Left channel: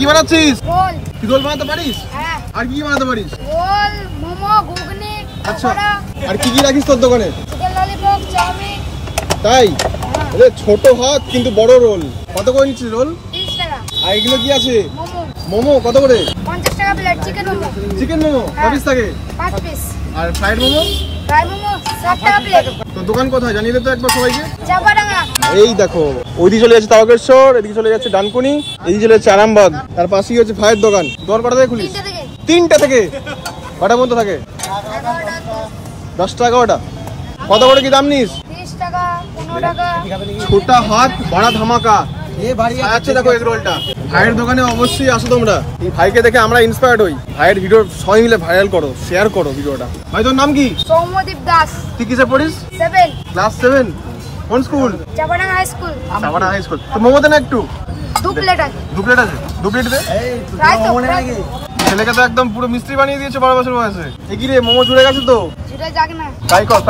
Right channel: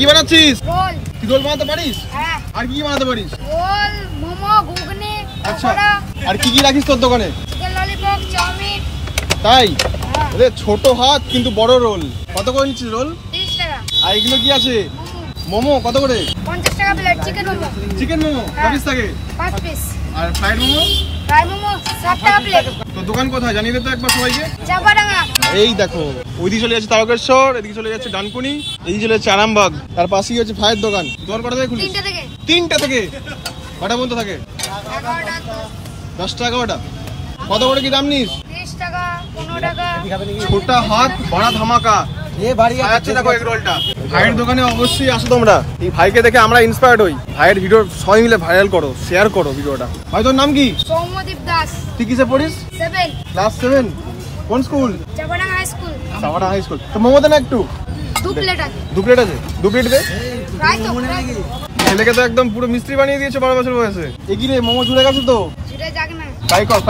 কি বানাচ্ছিস? রোল। তুই রোল বানাতে পারিস? হ্যাঁ। আর কি বানাতে পারিস? রোল, মোমো, ঘুগনি, আচ্ছা। পকোড়া, আর কি কি রাখিস তোর দোকানে? Chicken lollipop, chow mein. তাই? হ্যাঁ। ওরে ছোট হাত কিন্তু বড় রোল। কত করে নিচ্ছিস রোল? 30 টাকা। আর এগুলো কি আছে? মোমো মোমো কত করে? 50 টাকা plate. Chicken momo chicken momo হ্যাঁ। 5 থাকে। 5 পিস। আর ফ্রাইড মোমো? ফ্রাই মোমো 60 টাকা প্লেট। তোর দোকান কোথায় জানিয়ে দে তো একবার সবাইকে। চাপাডাঙ্গা। এই দেখো ওইদিকে চলে যাচ্ছে তারকেশ্বর, এদিকে চলে যাচ্ছে ডানকুনি, এদিকে চলে যাচ্ছে আরামবাগ, তার পাশেই হচ্ছে ভাইয়ের দোকান। দোকান কটা থেকে খুলিস? 3টা থেকে। 3টা থেকে কটা পর্যন্ত থাকে? 11টা, 10টা 11টা। কত করে কি দাম নিস? 30 টাকা, 15 টাকা। ছোটা হাত বড়া ধামাকা আচ্ছা। দেখো এগ রোলটা ভাইয়ের দোকানে অবশ্যই আসো তোমরা। এই ভাইকে দেখে আমরা ইন্সপায়ার্ড হই। ভাইয়ের ভিডিও সবাই মিলে ভাইরাল করো, শেয়ার করো ভিডিওটা। ভাই তোর নাম কি? সৌম্যদীপ দাস। তুই কিসে পড়িস? 7। ক্লাস 7। কোন school? Chapadanga high school. Chapadanga high school. তো মোমো দে না একটু। 2 প্লেট আছে। 2 প্লেট আছে? 2 প্লেট দে। ফ্রাই তো ফ্রাই। ছেলেকে তো একদম পুরো মিস্ত্রি বানিয়ে দিয়েছে 12 বছর বয়সে। এগিয়ে মোমো ঝুলে গেছে তো। সেটা যাক না। ট্রাই কর।